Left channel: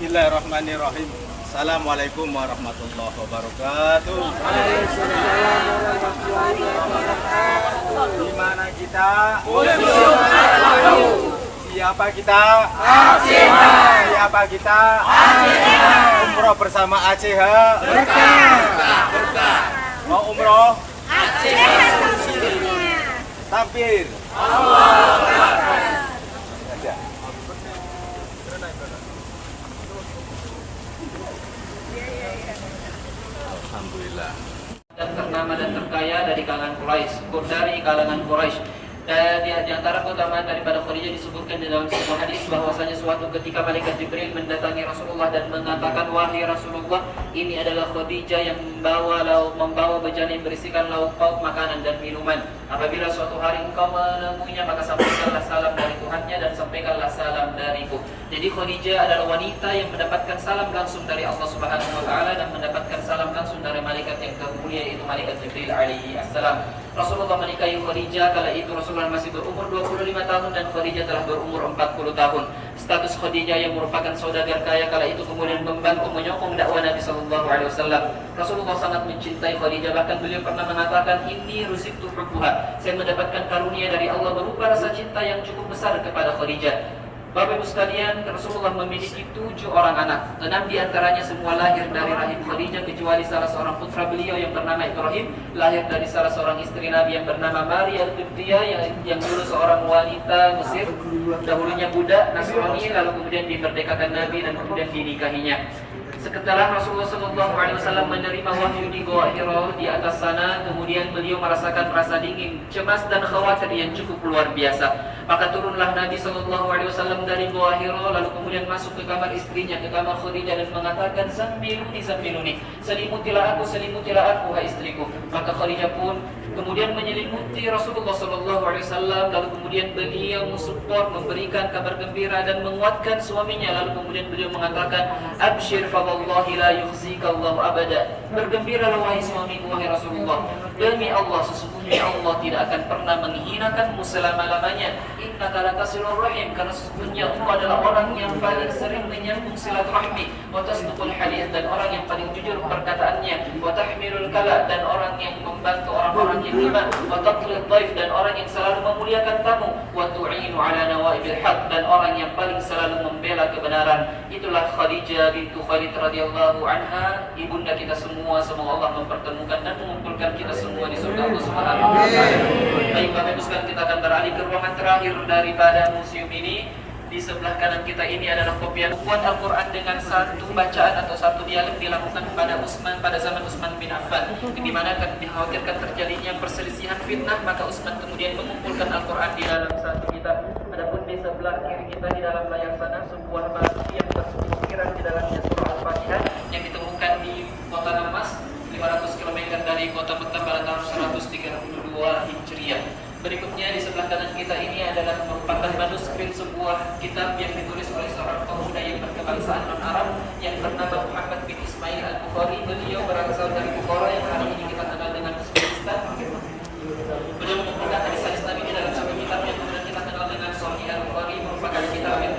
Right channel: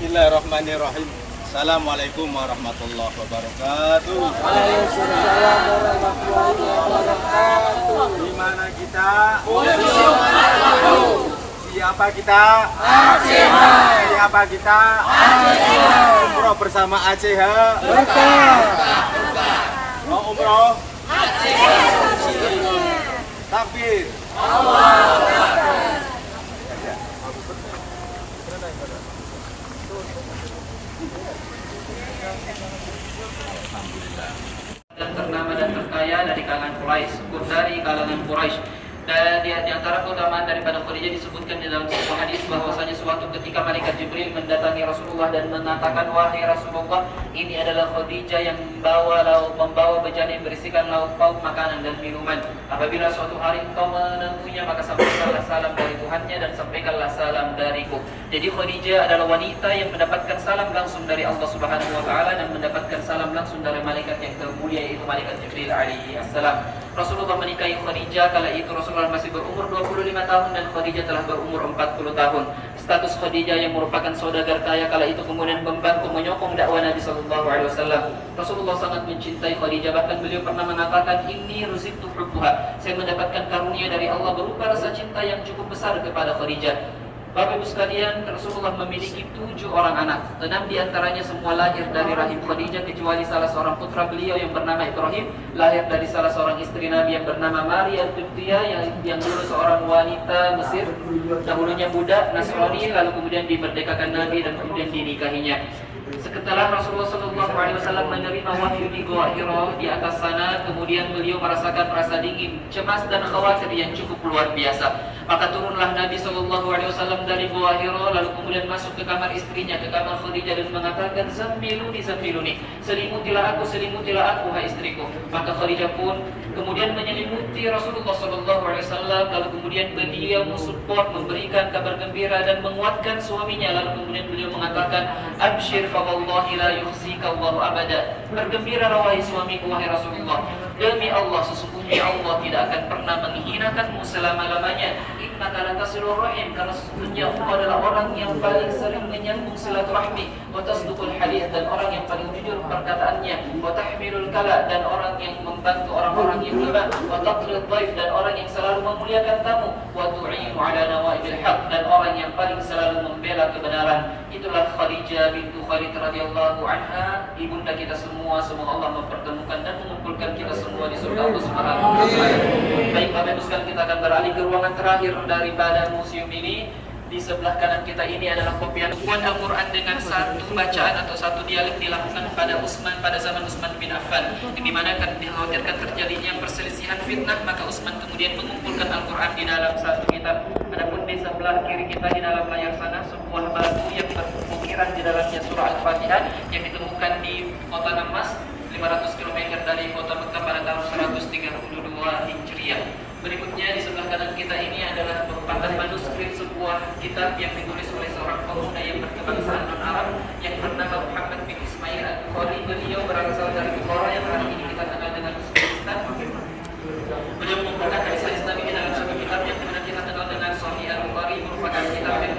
Bismillahirrahmanirrahim. Assalamualaikum warahmatullahi wabarakatuh. Di mana kita? Siapa kita? ACH. Siapa kita? ACH. Umroh bersama ACH. Berkah. Mau umroh? ACH solusinya. Takbir. Allahu Akbar. Alhamdulillah. Dan ternama dan terkaya dari kalangan Quraisy. Dan di antara keutamaan daripada Khadijah disebutkan di dalam sebuah hadis bahwasanya suatu ketika malaikat Jibril mendatangi Rasulullah dan mengatakan, wahai Rasulullah, ini adalah Khadijah yang membawa bejana yang berisikan lauk pauk makanan dan minuman. Apabila suatu hari engkau menemuinya, maka sampaikanlah salam dari Tuhannya dan sampaikanlah salam dariku. Jadi Khadijah adalah wanita yang mendapatkan salam langsung dari Allah Subhanahu wa taala dan mendapatkan salam langsung dari malaikat yang termulia, yaitu malaikat Jibril alaihi assalam. Rasulullah menikahi Khadijah kala itu Rasulullah masih berumur 25 tahun dan Khadijah telah berumur 40 tahun. Status Khadijah yang merupakan saudagar kaya kala itu kemudian membantu menyokong dakwah Nabi sallallahu alaihi wasallam. Rasulullah sangat mencintai Khadijah, bahkan beliau pernah mengatakan, "Inni ruziktu hubbuha." Saya mendapatkan karunia dari Allah berupa rasa cinta yang cukup besar kepada Khadijah. Bapak Ibu sekalian, Rasulullah memiliki 7 orang anak. 6 diantaranya semua lahir dari rahim Khadijah, kecuali salah seorang putra beliau yang bernama Ibrahim, lahir dari salah seorang istri Nabi yang bernama Maria Al-Qibtiyah, yang dulu seorang wanita Mesir, dahulunya budak Nasrani, lalu kemudian dimerdekakan Nabi dan kemudian dinikahinya. Setelah Rasulullah SAW menerima wahyu di Gua Hira di atas sana, kemudian beliau merasakan rasa dingin, cemas dan khawatir yang cukup luar biasa. Maka turunlah Nabi SAW dari Gua Hira, lalu kemudian masuk ke kamar istrinya, ke kamar Khadijah, dan mengatakan, Zammiluni, selimutilah aku, hai istriku. Maka Khadijah pun kemudian menyelimuti Rasulullah SAW, lalu kemudian beliau mensupport, memberikan kabar gembira dan menguatkan suaminya. Lalu kemudian beliau mengatakan, Abshir fawallahi la yukhzika Allah abada. Bergembiralah wahai suamiku, wahai Rasulullah, demi Allah, sesungguhnya Allah tidak akan pernah menghinakanmu selama-lamanya. Innaka latasilur rahim, karena sesungguhnya engkau adalah orang yang paling sering menyambung silaturahmi, wa tasduqul hadits, dan orang yang paling jujur perkataannya, wa tahmilul kala, dan orang yang membantu orang-orang yang lemah, wa taqrid dhaif, dan orang yang selalu memuliakan kamu, wa tu'inu ala nawaibil haq, dan orang yang paling selalu membela kebenaran. Itulah Khadijah bintu Khuwailid radhiyallahu anha, ibunda kita semua. Semoga Allah mempertemukan dan mengumpulkan kita semua di surga Allah Subhanahu wa taala. Baik, Bapak Ibu sekalian, kita akan beralih ke ruangan terakhir daripada museum ini. Di sebelah kanan kita ini adalah kopian buat Al-Quran dengan satu bacaan atau satu dialek dilakukan pada zaman Utsman bin Affan, di mana akan dikhawatirkan terjadinya perselisihan fitnah, maka Utsman kemudian mengumpulkan Al-Quran di dalam satu kitab. Adapun di sebelah kiri kita di dalam layar sana sebuah batu yang berukiran di dalamnya surah Al-Fatihah yang ditemukan di kota Damas 500 km dari kota Mekah pada tahun 132 Hijriah. Berikutnya di sebelah kanan kita ini adalah merupakan manuskrip sebuah kitab yang ditulis oleh seorang pemuda yang berkebangsaan non-Arab yang bernama Muhammad bin Ismail Al-Bukhari. Beliau berasal dari Bukhara yang sekarang ini kita kenal dengan Uzbekistan. Beliau merupakan lisan Islami dalam sebuah yang pernah kita kenal dengan Sahih Al-Bukhari, merupakan kitab yang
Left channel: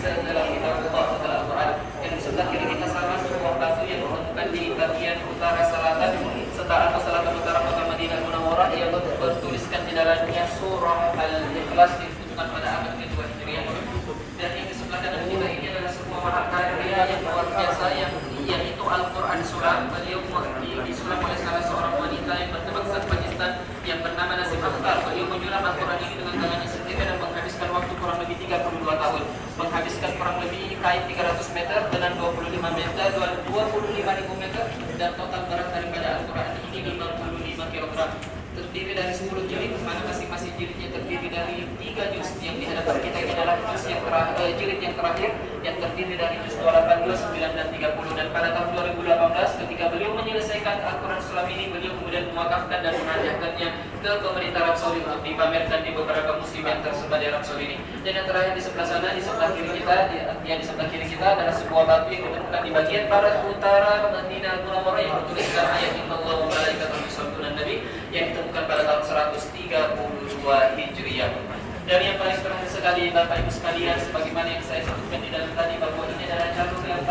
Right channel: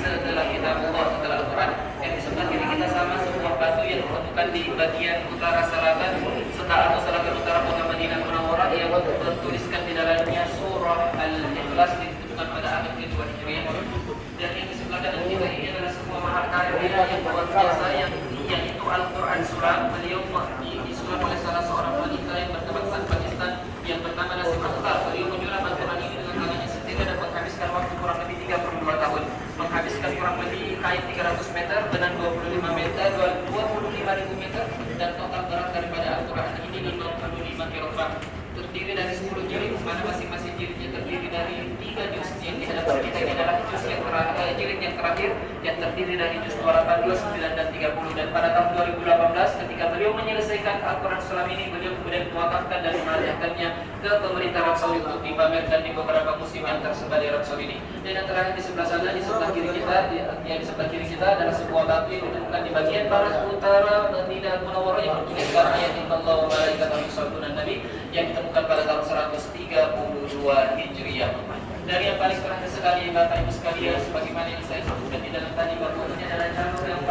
setelah kitab Allah, setelah Al-Quran. Yang di sebelah kiri kita sama sebuah batu yang ditemukan di bagian utara selatan atau selatan utara kota Madinah Munawwarah yang bertuliskan di dalamnya surah Al-Ikhlas dibutuhkan pada abad kedua Hijriah. Dan yang di sebelah kanan kita ini adalah sebuah karya yang luar biasa, yaitu Al-Quran Surah. Beliau disulam oleh salah seorang wanita yang berkebangsaan Pakistan yang bernama Nasib Akhtar. Beliau menyulam Al-Quran ini dengan tangannya sendiri dan menghabiskan waktu kurang lebih 32 tahun, menghabiskan kurang lebih kain 300 meter dengan 25 meter, 25.000 meter, dan total berat daripada Al-Quran ini 55 kg. Terdiri dari 10 jilid, mana masing-masing jilidnya terdiri dari 3 juz. Yang di hadapan kita ini adalah jilid yang terakhir yang terdiri dari juz 28, 29, dan 30. Dan pada tahun 2018 ketika beliau menyelesaikan Al-Quran Sulam ini, beliau kemudian mewakafkan dan menarjahkannya ke pemerintah Arab Saudi untuk dipamerkan di beberapa museum yang tersebar di Arab Saudi ini. Dan yang terakhir di sebelah sana, di sebelah kiri kita, di sebelah kiri kita adalah sebuah batu yang ditemukan di bagian barat utara Madinah Munawwarah yang bertuliskan ayat yang Allah wa malaikatahu yusholluna Nabi yang ditemukan pada tahun 132 Hijriah. Dan yang paling terakhir sekali, Bapak Ibu sekalian, sebagaimana yang saya sebutkan di dalam tadi, bahwa ini adalah jalur yang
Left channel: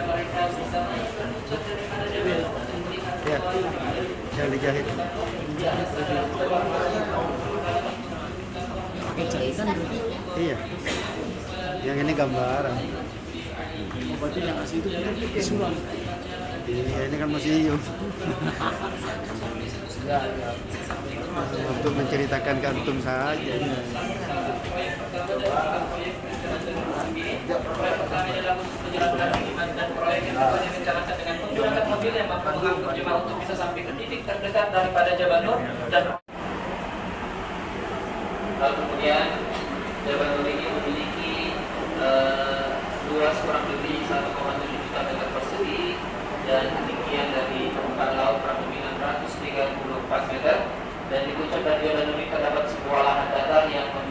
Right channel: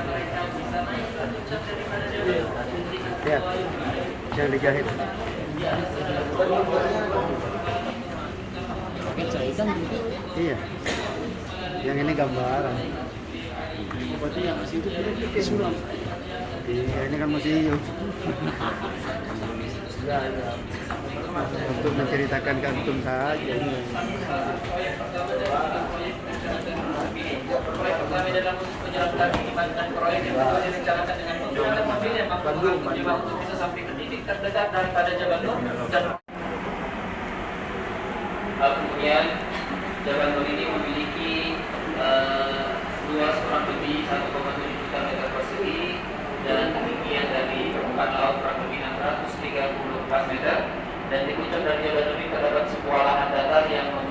mereka bisa Ya, yang dijahit. Jahitan berarti Iya. Yang ini gambaran. berarti yang asli itu berarti surang. Iya, ini kan museum. Ya, ya. Untuk menceritakan kantum saja. proyek pertama dalam menjalankan iman dan proyek yang telah direncanakan dengan menggunakan mobil yang mampu mencoba untuk bisa sampai ke titik terdekat daripada Jabatur dan kemudian Jabatur ini memiliki luas kurang lebih 1,7 juta meter persegi dan ketinggian dari permukaan laut kurang lebih 634 meter dan di puncak dari Jabatur ini terdapat sebuah lahan datar yang